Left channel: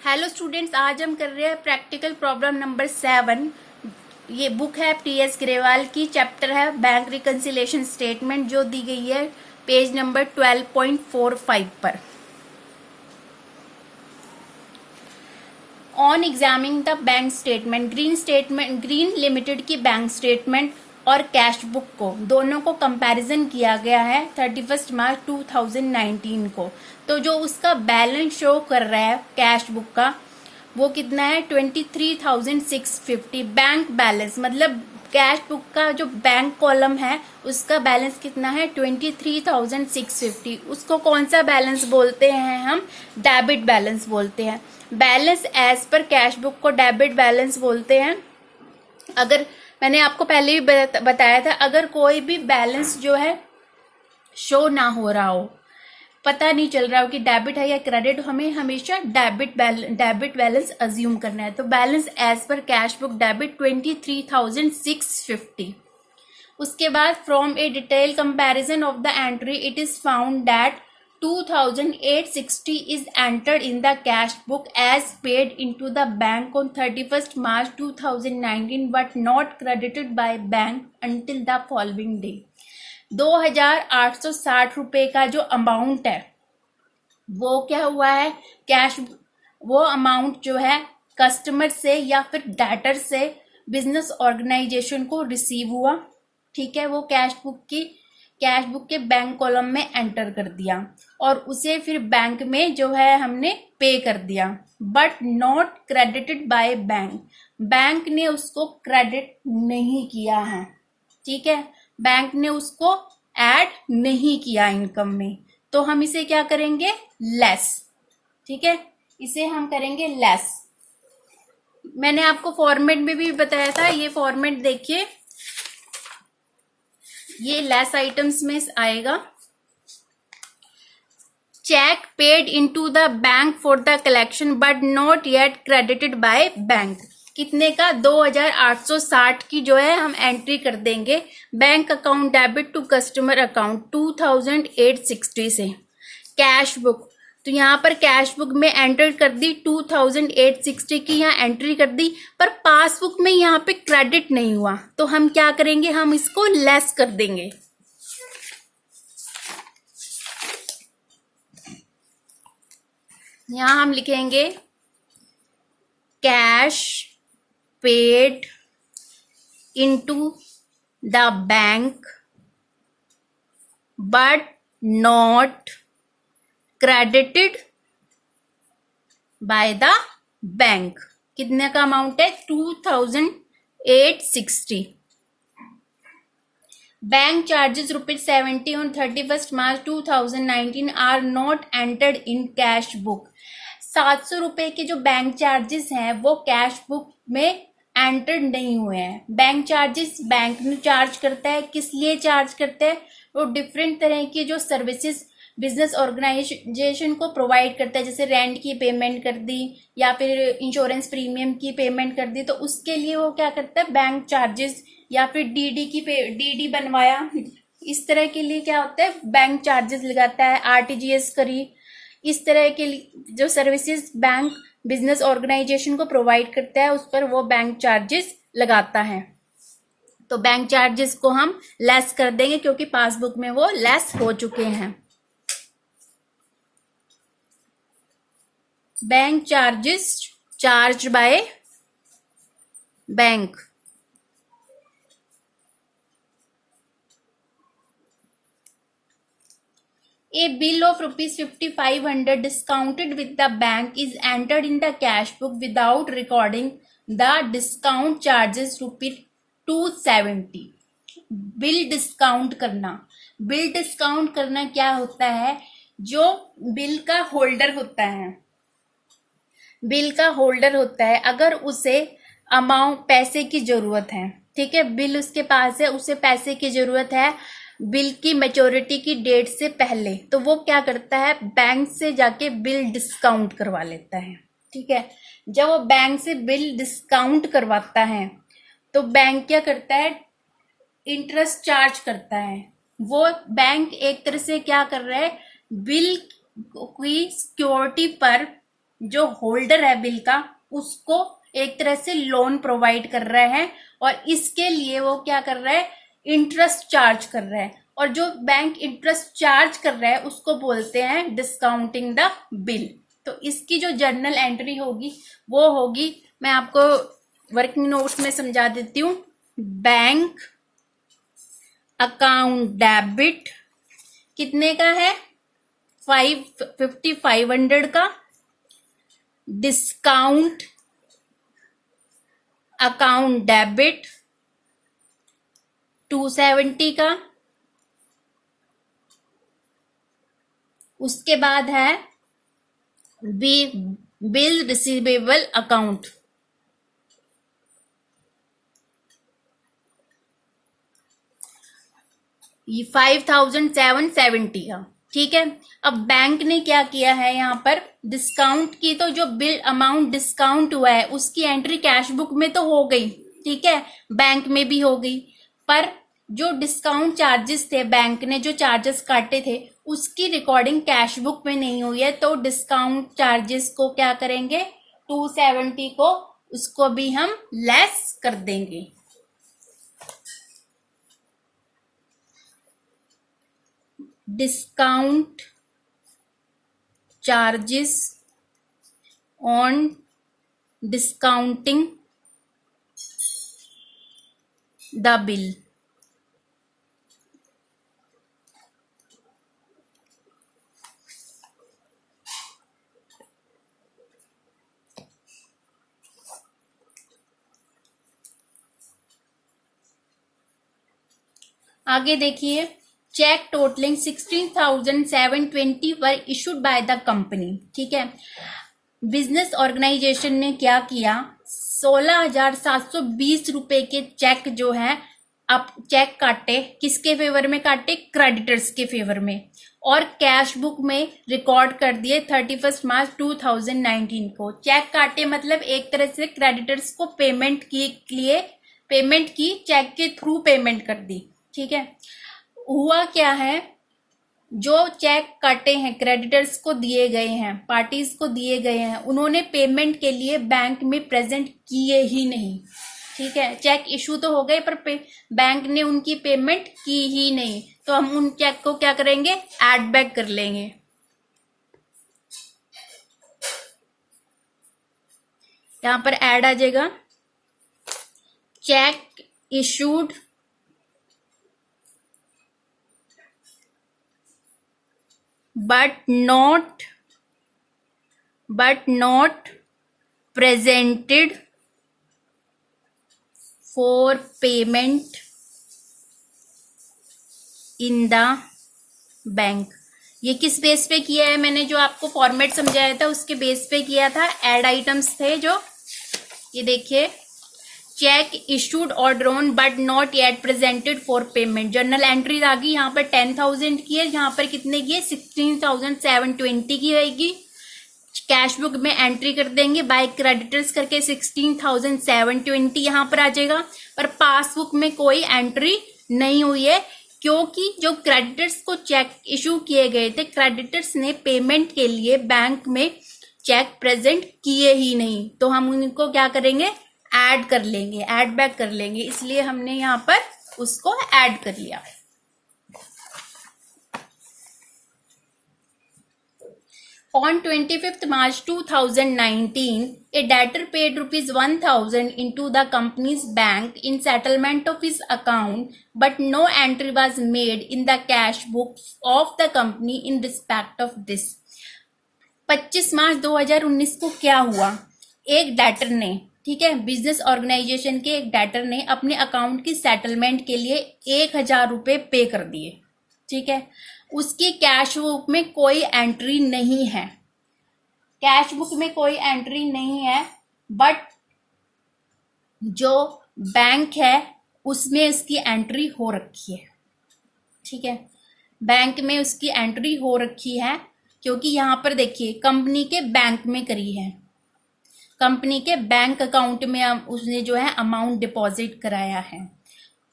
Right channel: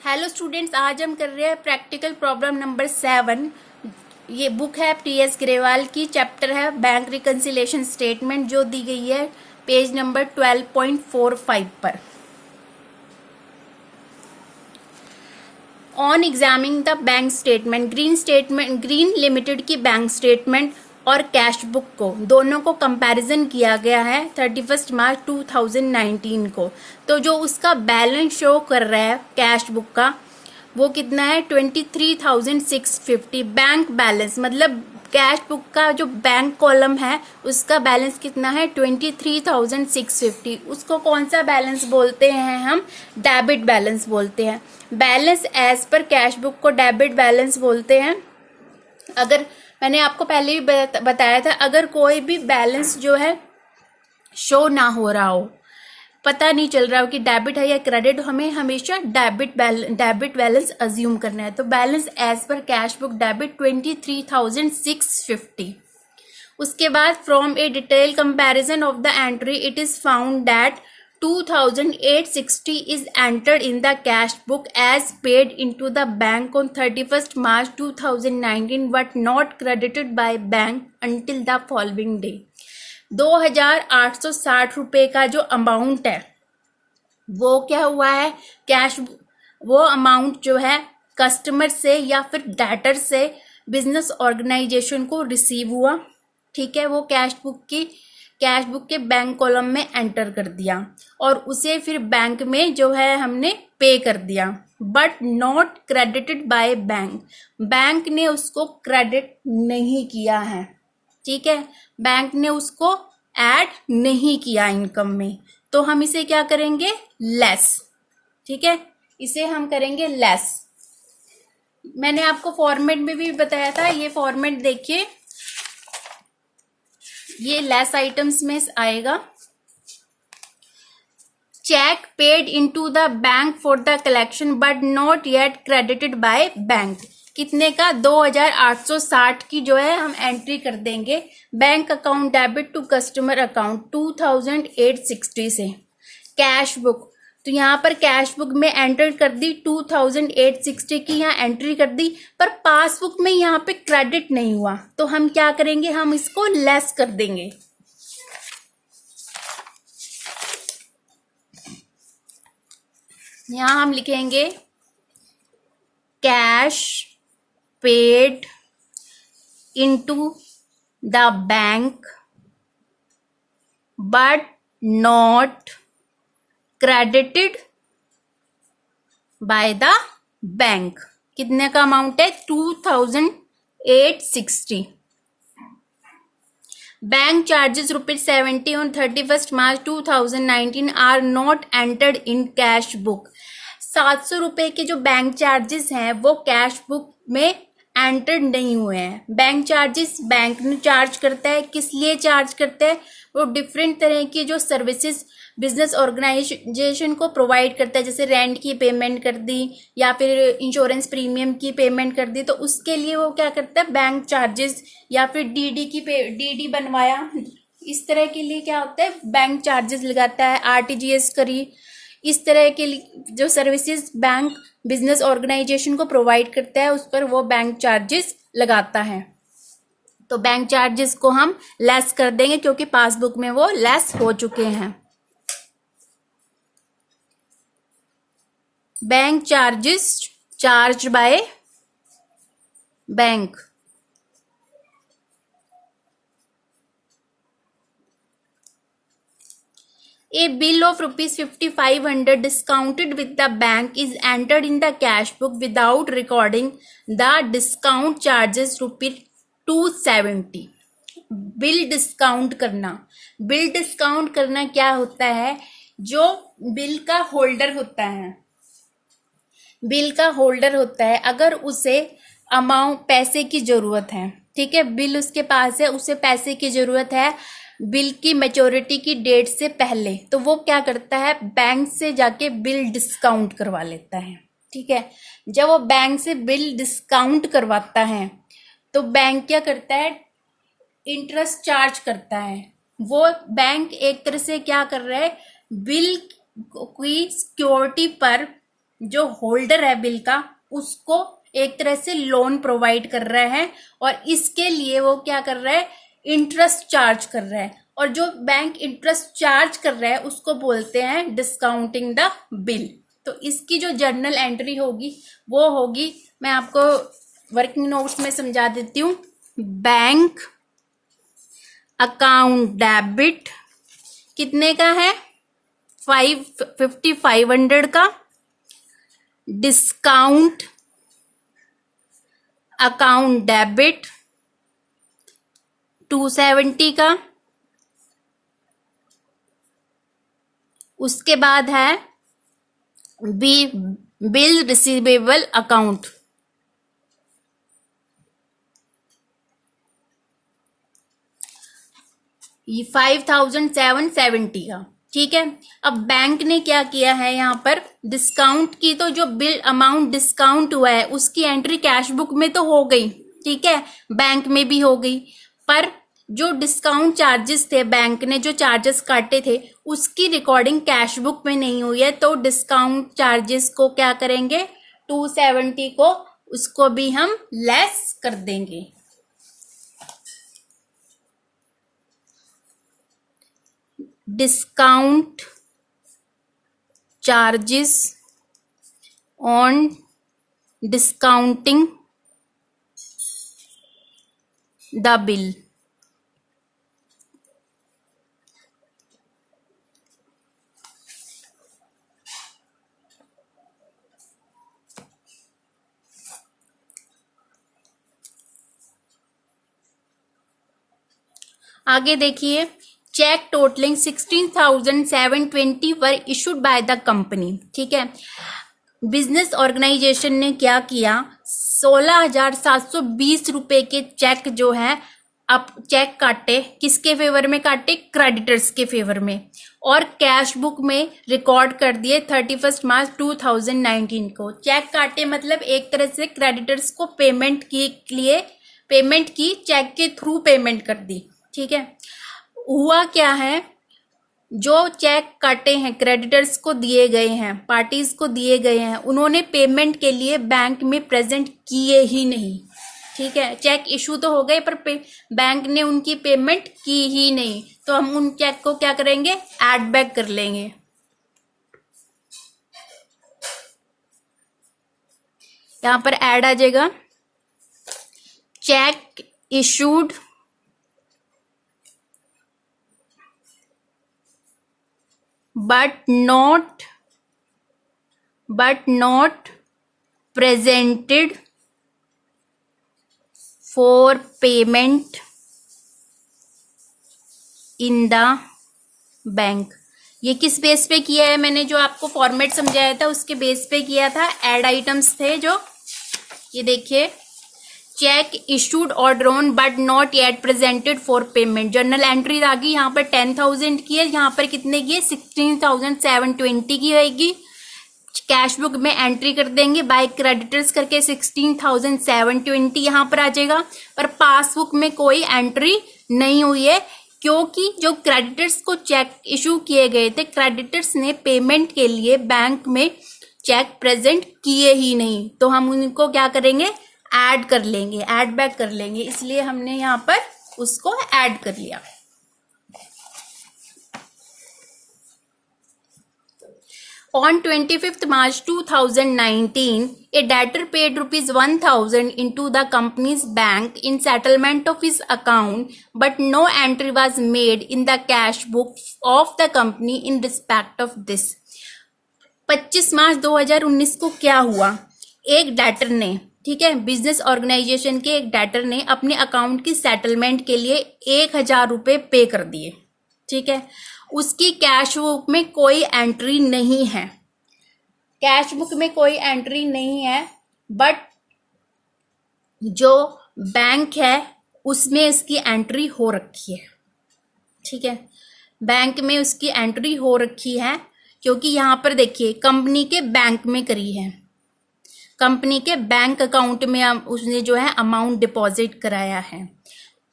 Hello students, आज हम कर रहे हैं प्रैक्टिकल प्रॉब्लम नंबर 7। ये बुक है टी.एस. ग्रेवाल की, चैप्टर है बैंक रिकंसिलिएशन स्टेटमेंट, जो दी गई है पेज नंबर 12.45 पर। On examining the bank statement, green limited की बैंक स्टेटमेंट और कैश बुक को दोनों को कंपैरिजन किया गया है 31 मार्च 2019 को। तो जो उसका बैलेंस शो कर रहा है कैश बुक का, वो कितना है 23,650। बैंक बैलेंस मतलब कैश बुक का जो बैंक कॉलम है उसका बैलेंस कितना है 23,650। उसको कौन सा बैलेंस बोलते हैं हम? डेबिट बैलेंस बोलते हैं। Balance as per cash book को डेबिट बैलेंस बोलते हैं। अगर मैंने आपको पहले भी बताया था, अगर कोई भी बैलेंस जो है शो ना हो रहा हो, पता नहीं चल रहा हो कि डेबिट है या क्रेडिट, हमें हमेशा डेबिट बैलेंस अज्यूम करना है। तो balance as per cash book debit 23,650। उसके बाद from a detail comparison of the entry it is found that 2,860 is entered in the cash book as paid into the bank on 31st March 2019 but not credited by bank until the following day। 2,860 रुपए का जो amount है वो क्या हुआ है cash, वो amount जो है कस्टमर से या फिर डेटर से बिजनेस ऑर्गेनाइजेशन को रिसीव हुआ। ठीक है, वो कैश बुक के बैंक कॉलम में एंटर कर दिया और उसे फिर बैंक में जो है हमने पे कर दिया, but not credited by bank. Bank ने उसको क्रेडिट नहीं किया है। ठीक है, बैंक ने उसको ऐड नहीं किया इनकम में, तो हम इसे क्या करेंगे? लेस। ठीक है, इसे हम करेंगे लेस। मैंने आपको फॉर्मेट में भी बताया था, ये फॉर्मेट देखिए, ये लेस आइटम्स में आएगा। Cheque paid into the bank for the collection but not yet credited by bank. कितने का? 2,860 की जो है हम एंट्री कर देंगे। Bank account debit to customer account 2,860 से। कैश बुक, तो यहाँ पर कैश बुक में एंटर कर दी 2,860 की, यहाँ एंट्री कर दी, पर पासबुक में यहाँ पे क्रेडिट नहीं हुआ, तो हम क्या करेंगे? हम इसको लेस कर देंगे। यहाँ हम लिखेंगे cash paid into the bank but not credited by the bank. कितने का अमाउंट है? 2,860। Bank charges ₹70 on 31st March 2019 are not entered in cash book. 700 रुपए के जो बैंक चार्जेस हैं वो कैश बुक में एंटर्ड नहीं हुए हैं। बैंक चार्जेस बैंक ने चार्ज करता है, किस लिए चार्ज करता है? वो डिफरेंट तरह की जो सर्विसेज बिजनेस ऑर्गेनाइजेशन को प्रोवाइड करता है, जैसे रेंट की पेमेंट कर दी या फिर इंश्योरेंस प्रीमियम की पेमेंट कर दी, तो उसके लिए वो क्या करता है? बैंक चार्जेस या फिर डीडी बनवाया, इस तरह के लिए क्या होता है? बैंक चार्जेस लगाता है। आरटीजीएस करी, इस तरह के जो सर्विसेज बैंक बिजनेस ऑर्गेनाइजेशन को प्रोवाइड करता है उस पर वो बैंक चार्जेस लगाता है। तो बैंक चार्जेस को हम लेस कर देंगे क्योंकि पासबुक में वो लेस हो चुके हैं। Bank charges charge by bank. A bill of ₹5,500 discounted with the bank is entered in the cash book without recording the discount charges ₹270। Bill discount करना, बिल डिस्काउंट करना क्या होता है? जो बिल का होल्डर होता है, बिल का होल्डर होता है, अगर उसे अमाउंट पैसे की जरूरत है, ठीक है, बिल उसके पास है, उसे पैसे की जरूरत है बिल की मैच्योरिटी की डेट से पहले, तो वो क्या करता है? बैंक से जाके बिल डिस्काउंट करवा लेता है। ठीक है, जब वो बैंक से बिल डिस्काउंट करवाता है तो बैंक क्या करता है? इंटरेस्ट चार्ज करता है। वो बैंक एक तरह से क्या कर रहा है? बिल की सिक्योरिटी पर जो होल्डर है बिल का उसको एक तरह से लोन प्रोवाइड कर रहा है, और इसके लिए वो क्या कर रहा है, इंटरेस्ट चार्ज कर रहा है, और जो बैंक इंटरेस्ट चार्ज कर रहा है उसको बोलते हैं डिस्काउंटिंग द बिल। तो इसकी जो जर्नल एंट्री होगी वो होगी, मैं आपको वर्किंग नोट्स में समझा देती हूँ। बैंक अकाउंट डेबिट कितने का है, 500 का। डिस्काउंट अकाउंट डेबिट 270 का। उसके बाद है बिल रिसीवेबल अकाउंट, ये 5770 का। ठीक है, अब बैंक ने क्या किया है, यहाँ पर डिस्काउंट की, तो जो बिल अमाउंट डिस्काउंट हुआ है उसकी एंट्री कैश बुक में तो हो गई, ठीक है, बैंक में भी हो गई, पर जो डिस्काउंट चार्जेस थे, बैंक ने जो चार्जेस काटे थे उसकी रिकॉर्डिंग कैश बुक में नहीं हुई है। तो डिस्काउंट चार्जेस को क्या करेंगे, 270 को, उसको भी हम लेस कर देंगे। Discount charges on discounting the bill. आगे देखिए, cheque totalling 16,720 were issued by the company. ठीक है, बिजनेस ऑर्गेनाइजेशन ने क्या किया, 16,720 रुपए के चेक जो है, अब चेक काटे, किसके फेवर में काटे, क्रेडिटर्स के फेवर में, और कैश बुक में रिकॉर्ड कर दिए 31 मार्च 2019 को। चेक काटे मतलब एक तरह से क्रेडिटर्स को पेमेंट की चेक के थ्रू पेमेंट कर दी। ठीक है, हुआ क्या है, जो चेक काटे हैं क्रेडिटर्स को दिए गए हैं, पार्टीज को दिए गए हैं, उन्होंने पेमेंट के लिए बैंक में प्रेजेंट किए ही नहीं। ठीक है, चेक इशू तो हो गए पर बैंक ने उनकी पेमेंट की ही नहीं, तो हम उन चेक को क्या करेंगे, ऐड बैक कर लेंगे। यहां पर ऐड आ जाएगा, check issued but not presented for payment in the bank. ये किस बेस पे किया है, मैंने जो आपको फॉर्मेट समझाया था उसके बेस पे किया था। एड आइटम्स थे जो, ये देखिए, चेक इशूड और drawn but not yet presented for payment. Journal entry आ गई, यहाँ पर 10,000 की है, यहाँ पर कितने की है, 16,720 की रहेगी। कैश बुक में एंट्री कर देंगे बाय क्रेडिटर्स करके 16,720 यहाँ पर आ जाएगा, पर पासबुक में कोई एंट्री नहीं हुई है, क्योंकि जो क्रेडिटर्स को चेक इशू किए गए थे, क्रेडिटर्स ने पेमेंट के लिए बैंक में चेक प्रेजेंट किए ही नहीं, तो हम उनको क्या करेंगे, ऐड कर लेंगे, ऐड बैक कर लेंगे, इसलिए हमने यहाँ पर उसको ऐड कर लिया। On 25th March 2019, a debtor paid ₹1,000 into the company's bank in settlement of his account, but no entry was made in the cash book of the company in respect of this. 25 मार्च 2019 को क्या हुआ, एक debtor ने, ठीक है, business organisation के एक debtor ने अपने अकाउंट की सेटलमेंट के लिए 1,000 रुपए पे कर दिए। ठीक है, उसकी कैश बुक में कोई एंट्री नहीं है, कैश बुक में कोई एंट्री नहीं है, बट जो बैंक है उसमें इसकी एंट्री हो रखी है। ठीक है, बैंक में उसकी एंट्री हो रखी है, क्योंकि यहां पर देखिए कंपनी के बैंक में करी है, कंपनी के बैंक अकाउंट में उसने जो है अमाउंट डिपॉजिट कराया है।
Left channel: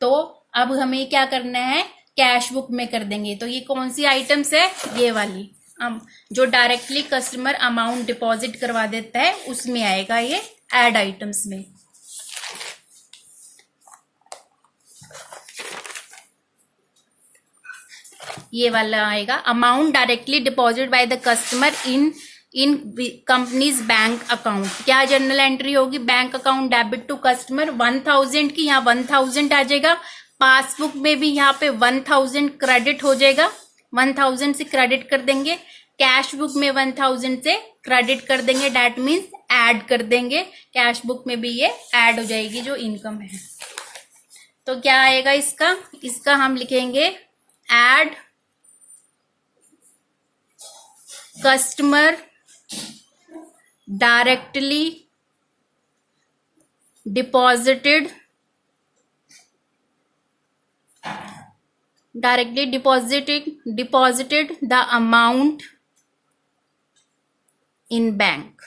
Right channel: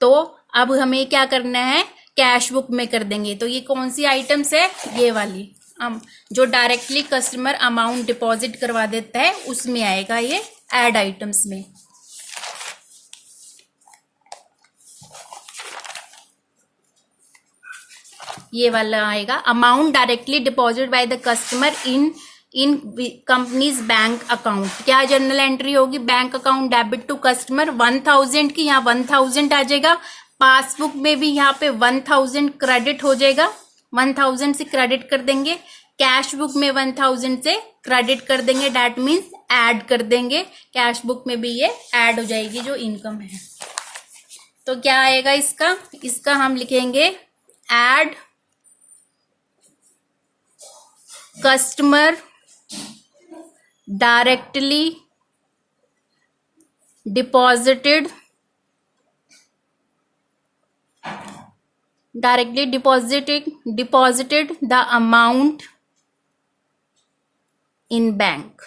तो अब हमें क्या करना है, कैश बुक में कर देंगे। तो ये कौन सी आइटम्स है, ये वाली, जो डायरेक्टली कस्टमर अमाउंट डिपॉजिट करवा देता है उसमें आएगा ये ऐड आइटम्स में। ये वाला आएगा amount directly deposit by the customer in company's bank account. क्या जनरल एंट्री होगी? Bank account debit to customer 1000 की, यहाँ 1000 आ जाएगा। पासबुक में भी यहाँ पे 1000 क्रेडिट हो जाएगा, 1000 से क्रेडिट कर देंगे। कैश बुक में 1000 से क्रेडिट कर देंगे, डेट मीन्स ऐड कर देंगे। कैश बुक में भी ये ऐड हो जाएगी जो इनकम है। तो क्या आएगा इसका हम लिखेंगे add customer directly deposited the amount in bank.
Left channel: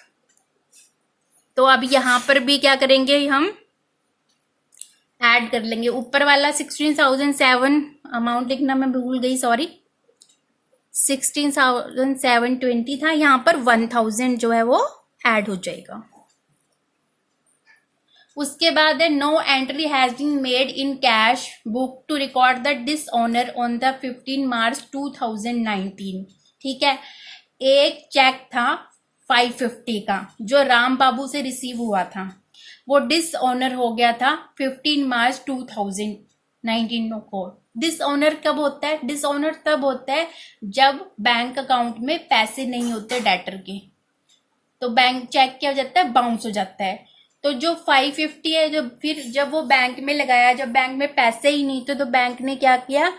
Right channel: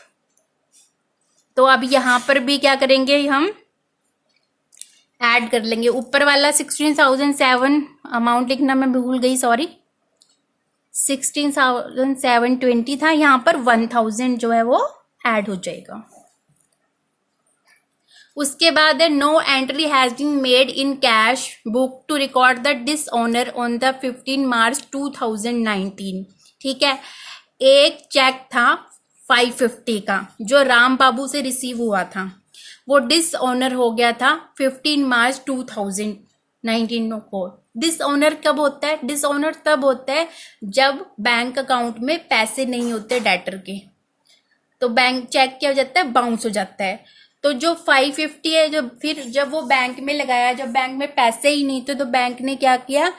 तो अब यहां पर भी क्या करेंगे, हम ऐड कर लेंगे। ऊपर वाला 16,007 अमाउंट लिखना मैं भूल गई, सॉरी, 16,720 था, यहां पर 1000 जो है वो ऐड हो जाएगा। उसके बाद है no entry has been made in cash book to record the dishonour on the 15 March 2019। ठीक है, एक चेक था 550 का जो राम बाबू से रिसीव हुआ था, वो डिसऑनर हो गया था 15 मार्च 2019 को। डिसऑनर कब होता है? डिसऑनर तब होता है जब बैंक अकाउंट में पैसे नहीं होते डेटर के, तो बैंक चेक क्या हो जाता है, बाउंस हो जाता है। तो जो 550 है, जब वो बैंक में लगाया, जब बैंक में पैसे ही नहीं थे तो बैंक ने क्या किया,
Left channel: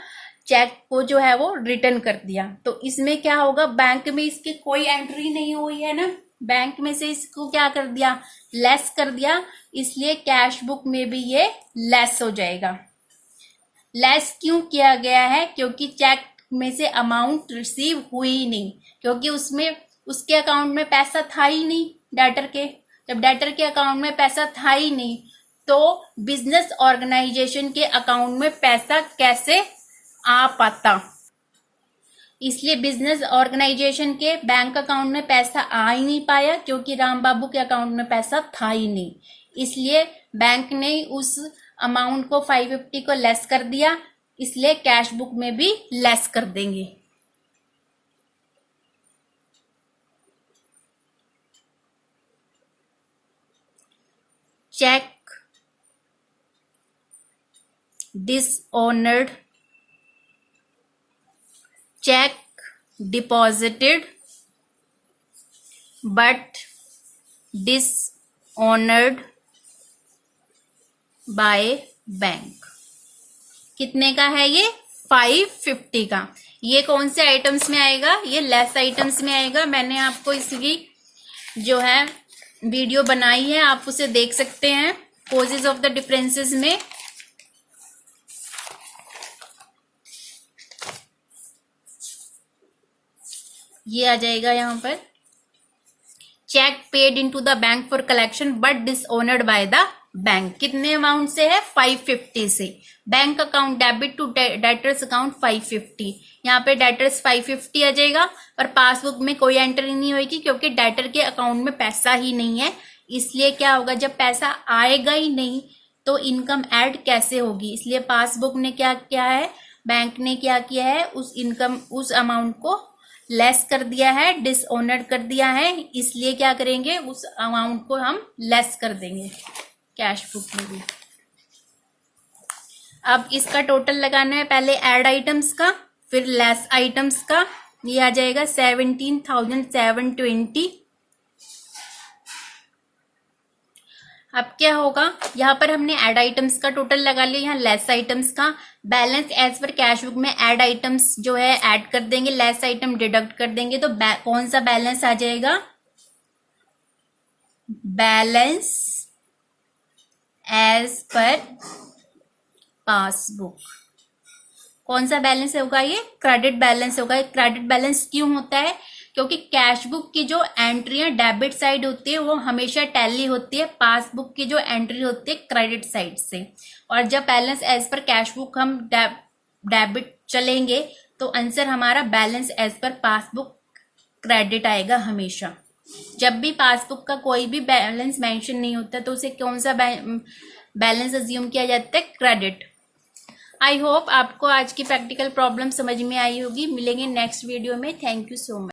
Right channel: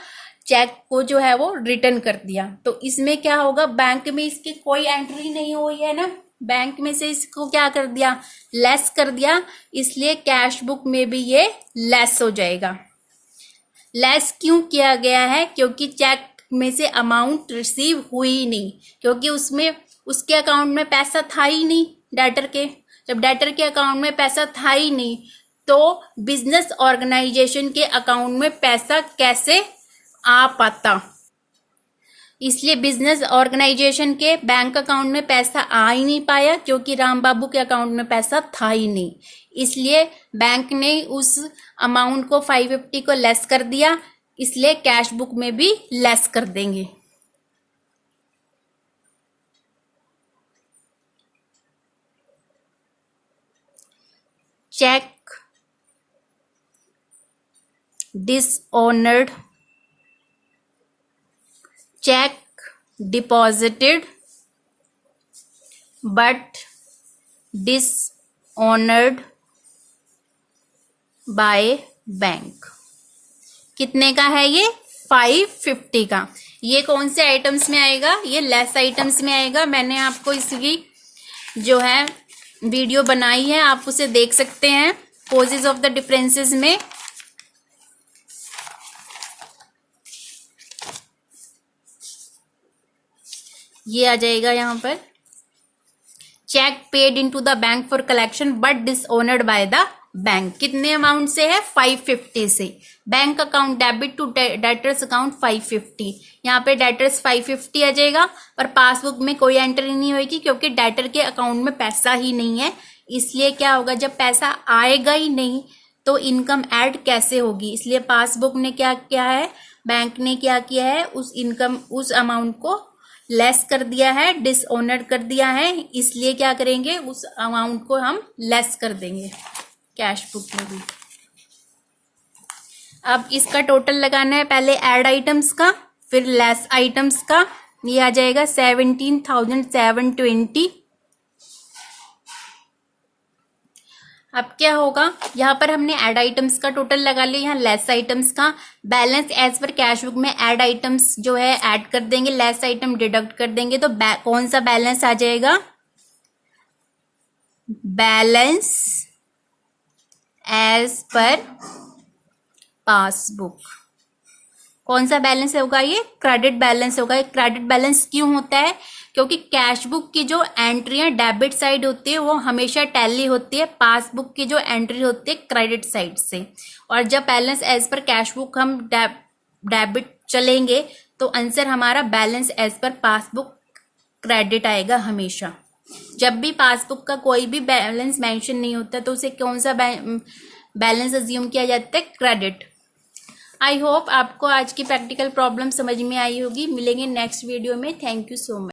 चेक को जो है वो रिटर्न कर दिया। तो इसमें क्या होगा, बैंक में इसकी कोई एंट्री नहीं हुई है ना, बैंक में से इसको क्या कर दिया, लेस कर दिया, इसलिए कैश बुक में भी ये लेस हो जाएगा। लेस क्यों किया गया है? क्योंकि चेक में से अमाउंट रिसीव हुई ही नहीं, क्योंकि उसमें उसके अकाउंट में पैसा था ही नहीं डेटर के। जब डेटर के अकाउंट में पैसा था ही नहीं तो बिजनेस ऑर्गेनाइजेशन के अकाउंट में पैसा कैसे आ पाता? इसलिए बिजनेस ऑर्गेनाइजेशन के बैंक अकाउंट में पैसा आ ही नहीं पाया, क्योंकि राम बाबू के अकाउंट में पैसा था ही नहीं। इसलिए बैंक ने उस अमाउंट को 550 को लेस कर दिया, इसलिए कैश बुक में भी लेस कर देंगे। Cheque dishonoured, cheque deposited but dishonoured by bank. कितने का है ये? 550 का। ये कौन से आइटम्स में आएगा? ये लेस आइटम्स में आएगा। मैंने आपको इसकी जो है वीडियो बनाई है, आप उसे देख सकते हैं कॉजेज ऑफ द डिफरेंसेस में। ये आ जाएगा यहाँ पर, cheque paid into the bank for collection but dishonoured by the bank. कितने अमाउंट से है? 550 से। Bank account debit to debtors account 550, यहाँ पे डेटर्स 550 आ जाएगा, पर पासबुक में कोई एंट्री नहीं होगी क्योंकि डेटर के अकाउंट में पैसा ही नहीं है। इसलिए क्या होगा, जब पैसा आएगा ही नहीं तो इनकम ऐड कैसे होगी? इसलिए पासबुक ने क्या किया है, बैंक ने क्या किया है, उस अमाउंट को लेस कर दिया है, डिसऑनर कर दिया है। इसलिए क्या करेंगे, उस अमाउंट को हम लेस कर देंगे कैश बुक में भी। अब इसका टोटल लगाना है, पहले ऐड आइटम्स का फिर लेस आइटम्स का। ये आ जाएगा 17,720। अब क्या होगा, यहाँ पर हमने ऐड आइटम्स का टोटल लगा लिया, यहाँ लेस आइटम्स का। Balance as per cash book में ऐड आइटम्स जो है ऐड कर देंगे, लेस आइटम डिडक्ट कर देंगे। तो कौन सा बैलेंस आ जाएगा? Balance as per passbook. कौन सा बैलेंस होगा? ये क्रेडिट बैलेंस होगा। क्रेडिट बैलेंस क्यों होता है? क्योंकि कैश बुक की जो एंट्री है डेबिट साइड होती है वो हमेशा टैली होती है, पासबुक की जो एंट्री होती है क्रेडिट साइड से। और जब balance as per cash book हम डेबिट चलेंगे तो आंसर हमारा balance as per passbook credit आएगा हमेशा। जब भी पासबुक का कोई भी बैलेंस मेंशन नहीं होता तो उसे कौन सा बैलेंस अज्यूम किया जाता है? क्रेडिट। आई होप आपको आज की प्रैक्टिकल प्रॉब्लम समझ में आई होगी। मिलेंगे नेक्स्ट वीडियो में। Thank you so much.